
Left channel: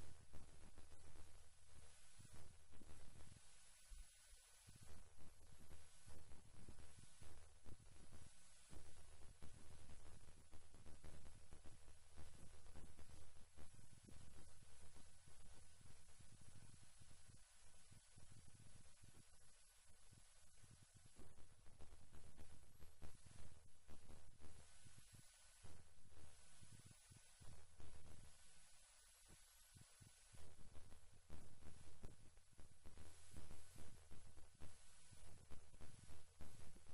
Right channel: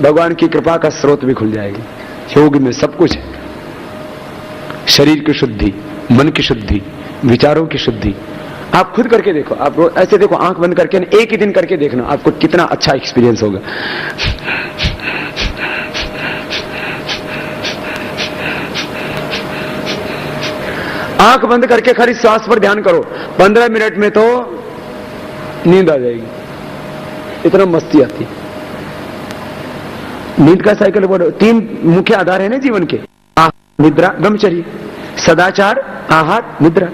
भगवान की कृपा का स्रोत भी खुल जाएगी। योग में सब कुछ है। शरीर की शुद्धि, मन की शुद्धि, विचारों की शुद्धि। आप खुद करके देखो, आप ऐसे देखो, आंख बंद करके एक ही दिन करके देखना, आपको कितना अच्छा एक्सपीरियंस होगा। आंख बंद करके खाली श्वास पर ध्यान करो, 15 मिनट में तो नींद आ जाएगी, इतना मस्ती आती है। नींद का साइकिल बोलो, 3 मुख्य आधार है ना जीवन के, निद्रा, ब्रह्मचर्य, सदाचार, आहार, निद्रा।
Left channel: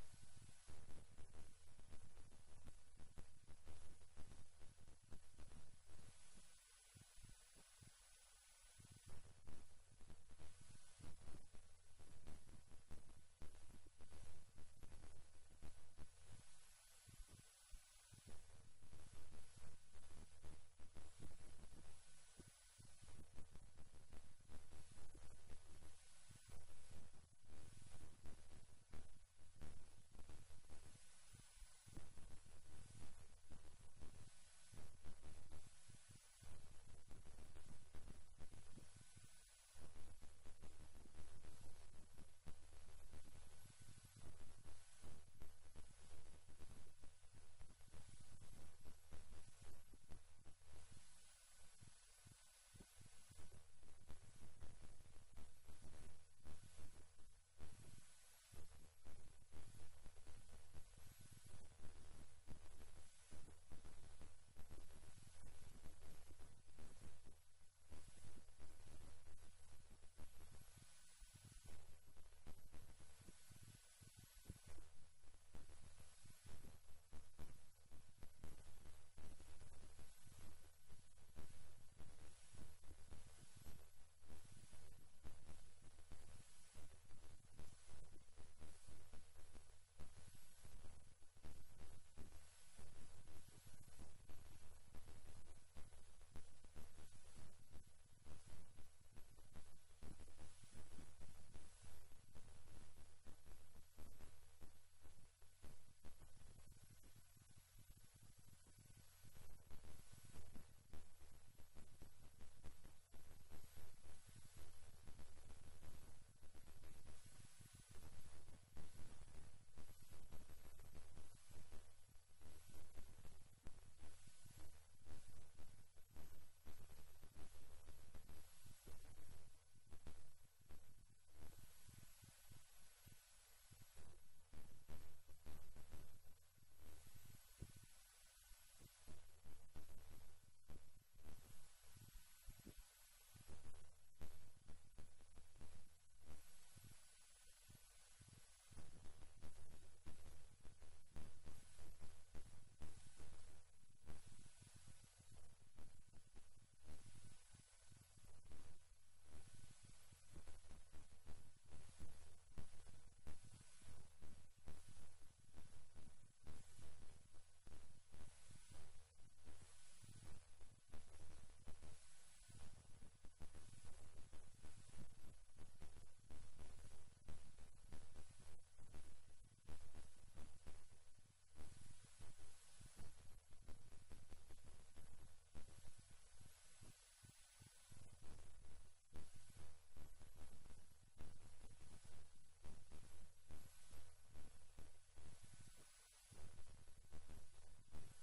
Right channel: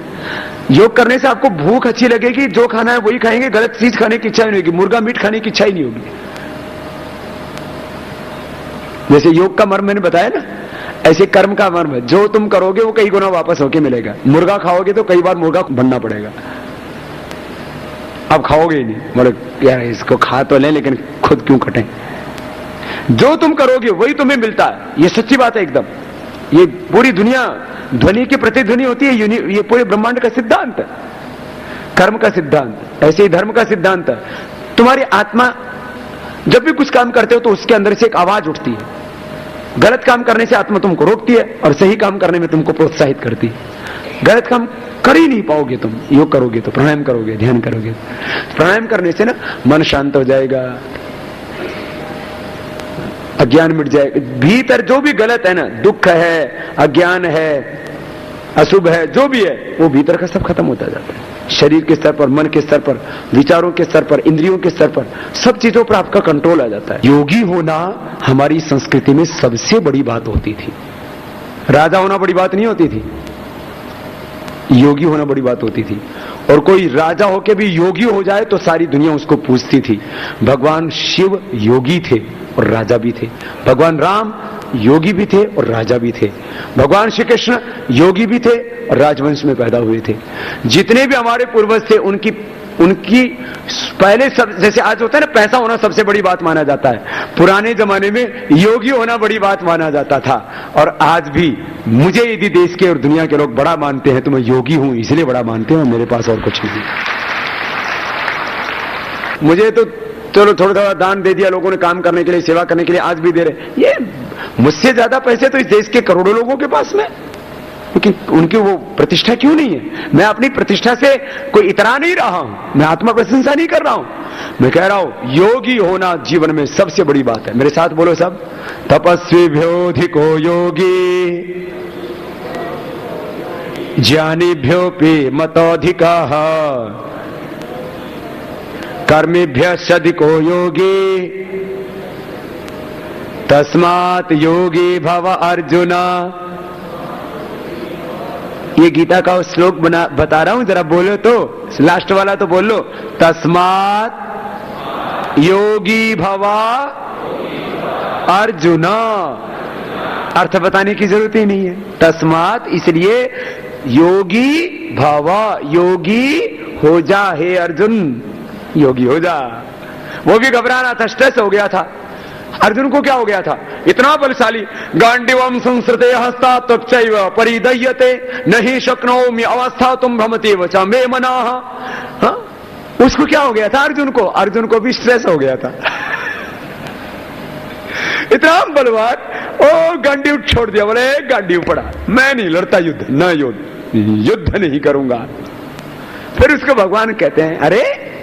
योग करने से आपको भूख अच्छी लगेगी, जो खाना है वही खाएंगे, गलत चीज खाने की इच्छा नहीं होगी, मुर्गा मीट खाने की इच्छा ही नहीं होगी। जैसे योग का मर्म मैंने बताया ना, ऐसे कर्म का मर्म है, जो तुम करोगे वो कई गुना वापस होके मिलेगा। मुर्गा खाओगे तो कई बार मुर्गा बनना पड़ेगा, अब खाओगे ही नहीं, बोले यार इसको खा तो लें लेकिन खुद क्यों कटें। जो तुम करोगे वही तुम्हें मिलता है, ये सच्ची बात है एकदम। ये पूरी दुनिया ध्वनि की प्रतिध्वनि होती है, ये पूरे ब्रह्मांड का सिद्धांत है, कर्म का सिद्धांत, ऐसे ही धर्म का सिद्धांत है। तुम्हारी आत्मा जब भी कुछ काम करते हो तो उसके अंदर से एक आवाज उठती है। गलत काम करने से आत्मा तुमको रोकती है और सही काम करने में तुमको प्रोत्साहित करती है। गलत काम कर ही नहीं पाओगे तुम, योग करोगे तो, प्राणायाम करोगे, ध्यान करोगे। प्राणायाम करने से ना मन शांत हो जाएगा, अज्ञान मिट जाएगा। भीतर जो भी गलत है ना, दुख है, अज्ञान है, अशुभ है, जो भी है, वो भीतर का सब खत्म होता जाता है। शरीर के स्तर पर, मन के स्तर पर, विचारों के स्तर पर, इंद्रियों के स्तर पर, सब चीजों पर आपका कंट्रोल आ जाता है। योगी होना हमारी संस्कृति में सबसे बड़ी बात होती थी। राजा होना बड़ी बात नहीं होती थी, योगी होना बड़ी बात होती थी। और कोई राजा होके भी योगी हो जाए तो सारी दुनिया उसको पूछती थी। भगवान शिव योगी थे और राजा भी थे, भगवान राम योगी भी थे और राजा भी थे, भगवान श्री कृष्ण योगी भी थे और राजवंश में पैदा हुए थे। जितने भी हमारे पूर्वज थे उनकी पहले सब, जैसे आज होता है ना पैसा होना सबसे बड़ी बात माना जाता है, पुराने जमाने में योगी होना बड़ी बात माना जाता था। और आज भी मुझे यदि देश के और दुनिया के लोग बड़ा मानते हैं तो मैं योगी हूं इसलिए बड़ा मानते हैं, मेरे पास और कुछ नहीं। मुझे तो चलो थोड़ा थोड़ा दान दे दिया लोगों ने, काम करने के लिए, सेवा करने के लिए, आज भी दे रहे। ये मुझसे ज्यादा पैसे तो इस देश के करोड़ों लोगों के पास में, क्योंकि उनकी वो प्रतिष्ठा क्यों नहीं है। मैं अपनी प्रतिष्ठा से कोई इतरा नहीं रहा हूं, मैं आत्मा प्रशंसा नहीं कर रहा हूं, मैं कह रहा हूं योगी होना जीवन में सबसे बड़ी बात है। मेरे साथ बोलो सब, तपस्वी भ्योधिको योगी ज्ञानिभ्योऽपि मतोऽधिकः कर्मिभ्यश्चाधिको योगी तस्मात् योगी भव अर्जुन। ये गीता का श्लोक बता रहा हूं, जरा बोलो तो, लास्ट वाला तो बोल लो। तस्मात् योगी भव अर्जुन। अर्थ बताने की जरूरत ही नहीं है। तस्मात् इसलिए योगी भव, योगी हो जा हे अर्जुन, योगी हो जा। वो भी घबरा रहा था, स्ट्रेस हो गया था। अर्जुन को क्या हो गया था? इतना बलशाली, गांडीवम संस्कृते हस्ता तच्चैव परिदह्यते नहीं शक्नोमि अवस्था तुम भ्रमते वचा मे मनाः। उसको क्या हो गया था? अर्जुन को भी स्ट्रेस हो गया था। इतना बलवान, ओ गांडीव छोड़ दिया, बोले गांडीव पड़ा, मैं नहीं लड़ता युद्ध, न युद्ध नहीं करूंगा। फिर उसको भगवान कहते हैं, अरे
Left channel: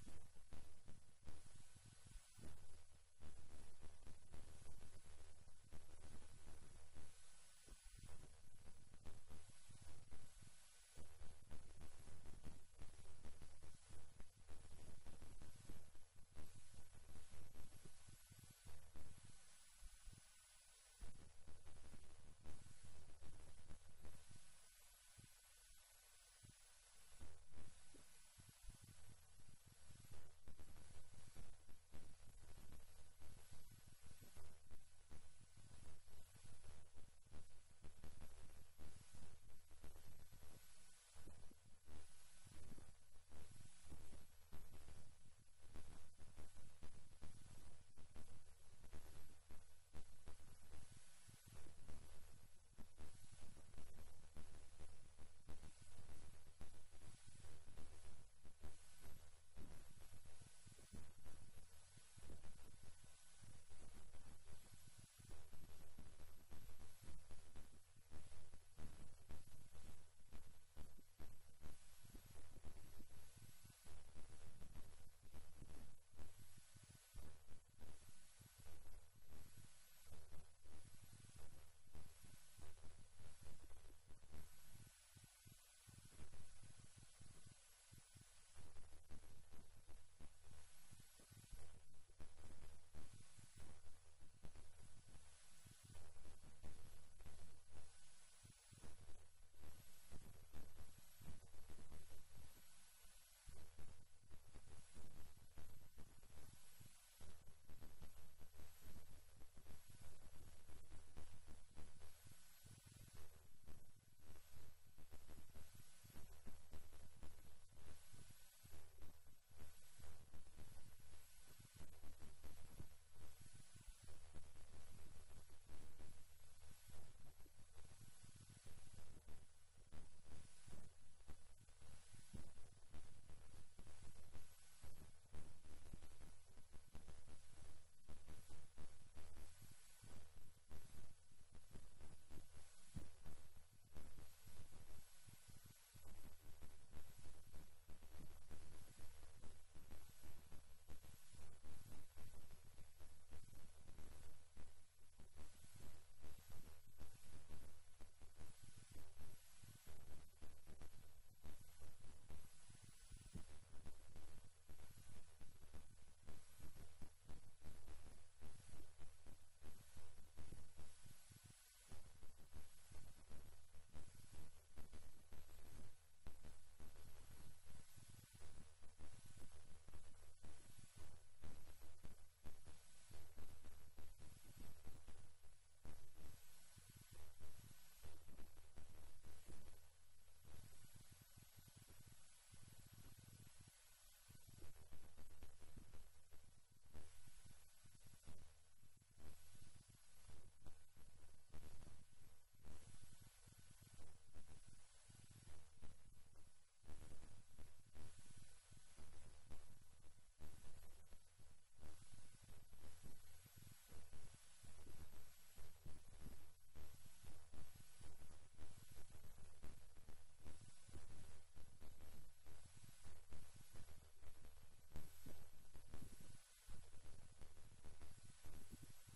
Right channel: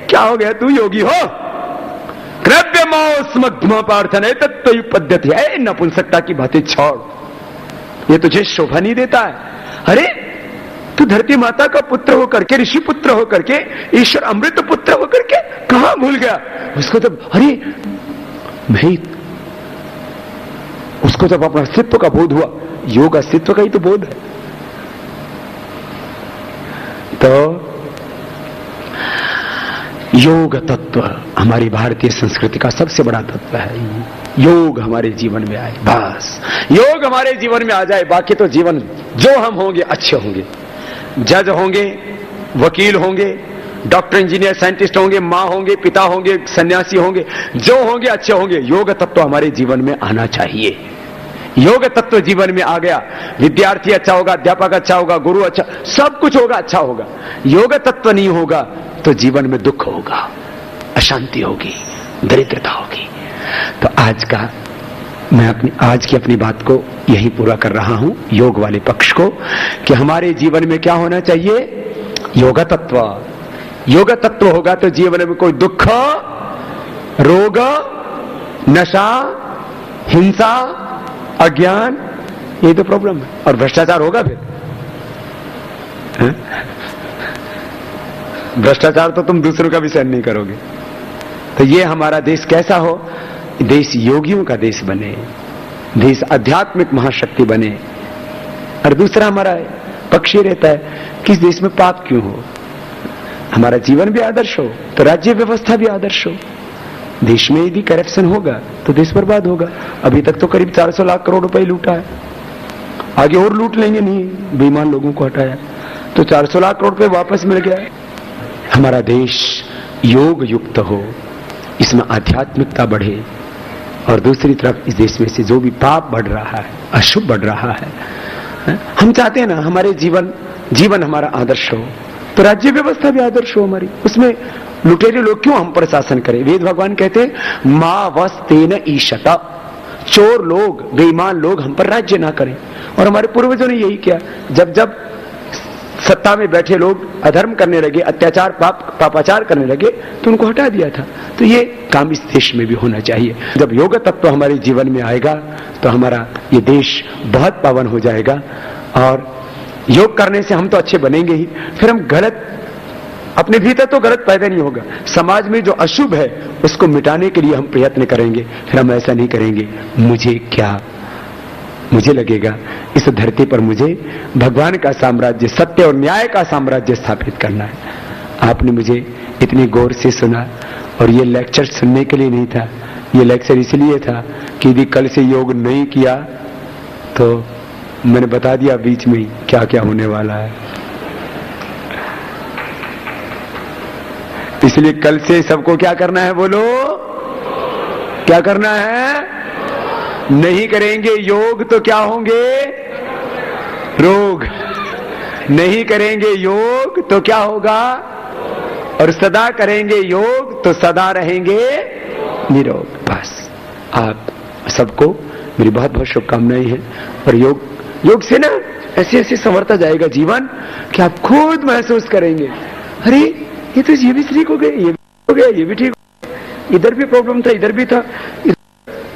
क्या हो गया, तू योगी हो? कृप्य मौस्मग्म प्रार्थना तत्व पद्धति है, नपुंसकता की बातें छोड़, ये तुझे शोभा नहीं देता है। अरे तू धरती माता का पुत्र होकर के, ऋषि पुत्र होकर के, ईश्वर अमृत पुत्र होकर के कहां भूल गया? उसको तो, अरे भाई, उसको जब अपना अस्तित्व का बोध हुआ, योग अस्तित्व का ही तो बोध है। तो योग तत्व हमारी भारतीय संस्कृति का सबसे बड़ा तत्व है। योग हमारे जीवन में आए, बस योग हमारे जीवन में आ जाए, बाकी तो जीवन जो हम होंगे अच्छे होंगे। जज होंगे, वकील होंगे, डॉक्टर, इंजीनियर, साइंटिस्ट होंगे, माँ होंगे, पिता होंगे, सन्यासी होंगे, जो होंगे अच्छे होंगे। योग तत्व हमारे जीवन में आना चाहिए। योग तत्व जीवन में आ गया, विद्यार्थी अच्छा होगा, अध्यापक अच्छा होगा, गुरु अच्छा, सब कुछ होगा, अच्छा होगा। योग तत्व नहीं होगा तो जीवन में दुख होगा, अशांति होगी, दरिद्रता होगी। तो मैं आज की अपनी बात को यही पूरा कर रहा हूं, योग वाले पक्ष को, कि हमारे जीवन में क्या होना चाहिए? योग तत्व। योग तत्व होगा तो जीवन में कोई दुख, रोग, नशा, हिंसा, अज्ञान, ये तो प्रॉब्लम है। और भ्रष्टाचार होगा फिर, भ्रष्टाचार तो तुम दूसरों का भी सहन नहीं करोगे। तो ये हमारा देश कैसा हो? देश योगियों का देश बने, देश आध्यात्मिक महाशक्ति बने। और दूसरा हमारा पक्ष ये रहता है कि इस देश में पाप क्यों हो? हमारा जीवन भी आदर्श हो तो राज्य व्यवस्था भी आदर्श हो। देश में यदि करप्शन होगा तो देश बर्बाद होगा। अभी तक तो करीब 400 लाख करोड़ रुपए लूटा है, आगे और लूट लेंगे, नहीं बेईमान लोगों को हटाया तो 400 लाख करोड़ रुपए वापस मिल गया। हमारा देश योग युक्त हो, इसमें आध्यात्मिकता बढ़े, और दूसरी तरफ इस देश में से जो भी पाप बढ़ रहा है, अशुभ बढ़ रहा है, हम चाहते हैं ना हमारे जीवन हमारा आदर्श हो, तो राज्य व्यवस्था भी आदर्श हो हमारी। उसमें लुटेरे लोग क्यों हम पर शासन करें? वेद भगवान कहते हैं मां वस्तेन ईशता, चोर लोग, बेईमान लोग हम पर राज्य ना करें। और हमारे पूर्वजों ने यही किया। जब जब सत्ता में बैठे लोग अधर्म करने लगे, अत्याचार, पापाचार करने लगे, तो उनको हटा दिया था। तो ये काम इस देश में भी होना चाहिए। जब योग तत्व हमारे जीवन में आएगा तो हमारा ये देश बहुत पावन हो जाएगा। और योग करने से हम तो अच्छे बनेंगे ही, फिर हम गलत, अपने भीतर तो गलत पैदा नहीं होगा, समाज में जो अशुभ है उसको मिटाने के लिए हम प्रयत्न करेंगे। फिर हम ऐसा नहीं करेंगे मुझे क्या, मुझे लगेगा इस धरती पर मुझे भगवान का साम्राज्य, सत्य और न्याय का साम्राज्य स्थापित करना है। आपने मुझे इतनी गौर से सुना, और ये लेक्चर सुनने के लिए नहीं था, ये लेक्चर इसलिए था कि यदि कल से योग नहीं किया तो मैंने बता दिया बीच में ही क्या क्या होने वाला है। इसलिए कल से सबको क्या करना है, बोलो क्या करना है? नहीं करेंगे योग तो क्या होंगे? रोग। नहीं करेंगे योग तो क्या होगा? और सदा करेंगे योग तो सदा रहेंगे निरोग। बस आप सबको मेरी बहुत बहुत शुभकामनाएं हैं। और योग से ना ऐसे ऐसे संवरता जाएगा जीवन कि आप खुद महसूस करेंगे, अरे ये तो ये भी ठीक हो गए, ये भी हो गया, ये भी ठीक हो गया, इधर भी प्रॉब्लम था, इधर भी था,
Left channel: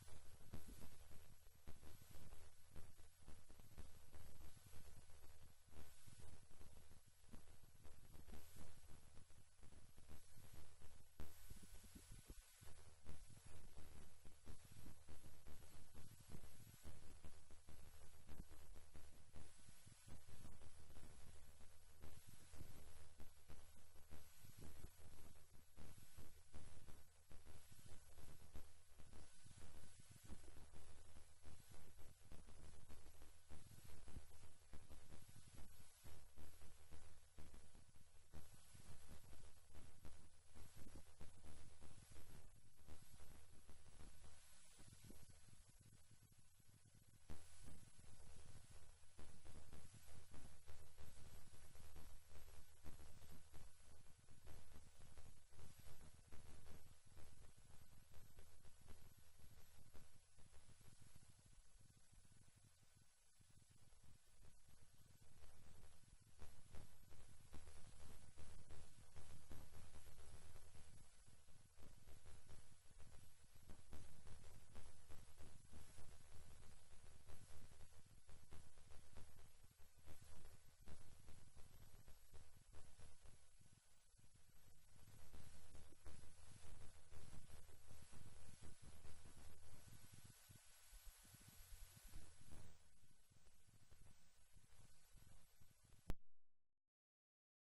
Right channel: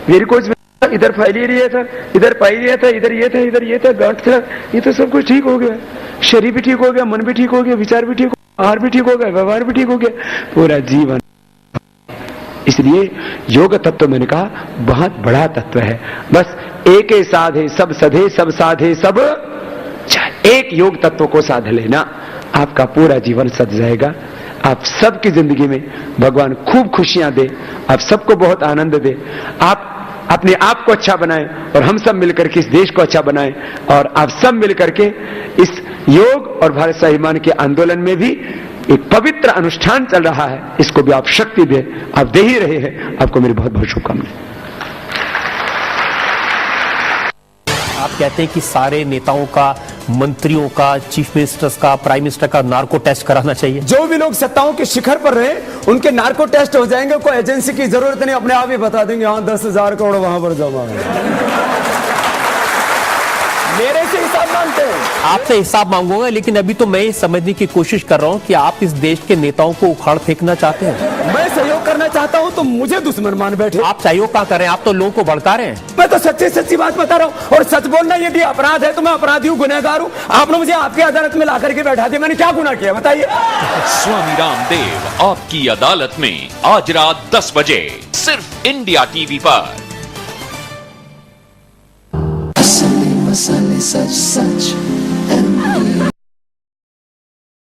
वेरिकोज में इधर फाइलेरिया था, इधर पाइलिया था, इधर ये था, इधर ये था, गांठ था, ये तो सब कुछ ठीक हो गया। शरीर भी ठीक हो गया, मन भी ठीक हो गया, विचार भी ठीक हो गया, आहार भी ठीक हो गया, व्यवहार भी ठीक हो गया, पूरा जीवन। इसलिए योग तत्व मैंने कहा बहुत बड़ा तत्व है। बस एक साधे सब सधे, सब साधे सब चाहे। एक योग तत्व को साध लेना, आपका पूरा जीवन सज जाएगा। आप सबकी जिंदगी में भगवान खूब खुशियां दे, आप सबको बहुत आनंद दे, आप अपने आप को अच्छा बनाएं और हम सब मिलकर के इस देश को अच्छा बनाएं, और आप सब मिलकर के इस योग और भारत स्वाभिमान के आंदोलन में भी एक पवित्र अनुष्ठान चल रहा है, इसको भी आप शक्ति दे, आप दे ही रहे हैं। आपको मेरी बहुत बहुत शुभकामनाएं। आप कहते हैं कि सारे नेताओं का, मंत्रियों का, चीफ मिनिस्टर्स का, प्राइम मिनिस्टर का नार्को टेस्ट कराना चाहिए। जो भी लोग सत्ताओं के शिखर पर रहे उनके नार्को टेस्ट हो जाएंगे, कोई एजेंसी की जरूरत नहीं, अपने आप ही बता देंगे हाँ 10,000 करोड़ वहां पर जमा है। मेरे से हिसाब मांगते हैं। आपसे हिसाब मांगूंगा, लेकिन अभी तो मैं ये समझने की कोशिश कर रहा हूं कि आप इस देश के नेताओं को उखाड़ फेंकना चाहते हैं। मैं सहयोग करना चाहता हूं तो मुझे दुश्मन मान बैठे। आप सहयोग क्या कर रहे हैं? आप तो लोगों को भड़का रहे हैं। मैं तो सच्ची सच्ची बात बता रहा हूं, और सच बोलना यदि अपराध है तो मैं अपराधी हूं, गुनहगार हूं। आपने मुझे आपकी अदालत में ला करके बैठा दिया, मैंने क्या गुनाह किया बताइए? स्वामी रामदेव आपकी अदालत में आज रात 10 बजे सिर्फ इंडिया टीवी पर। मसाले सच सच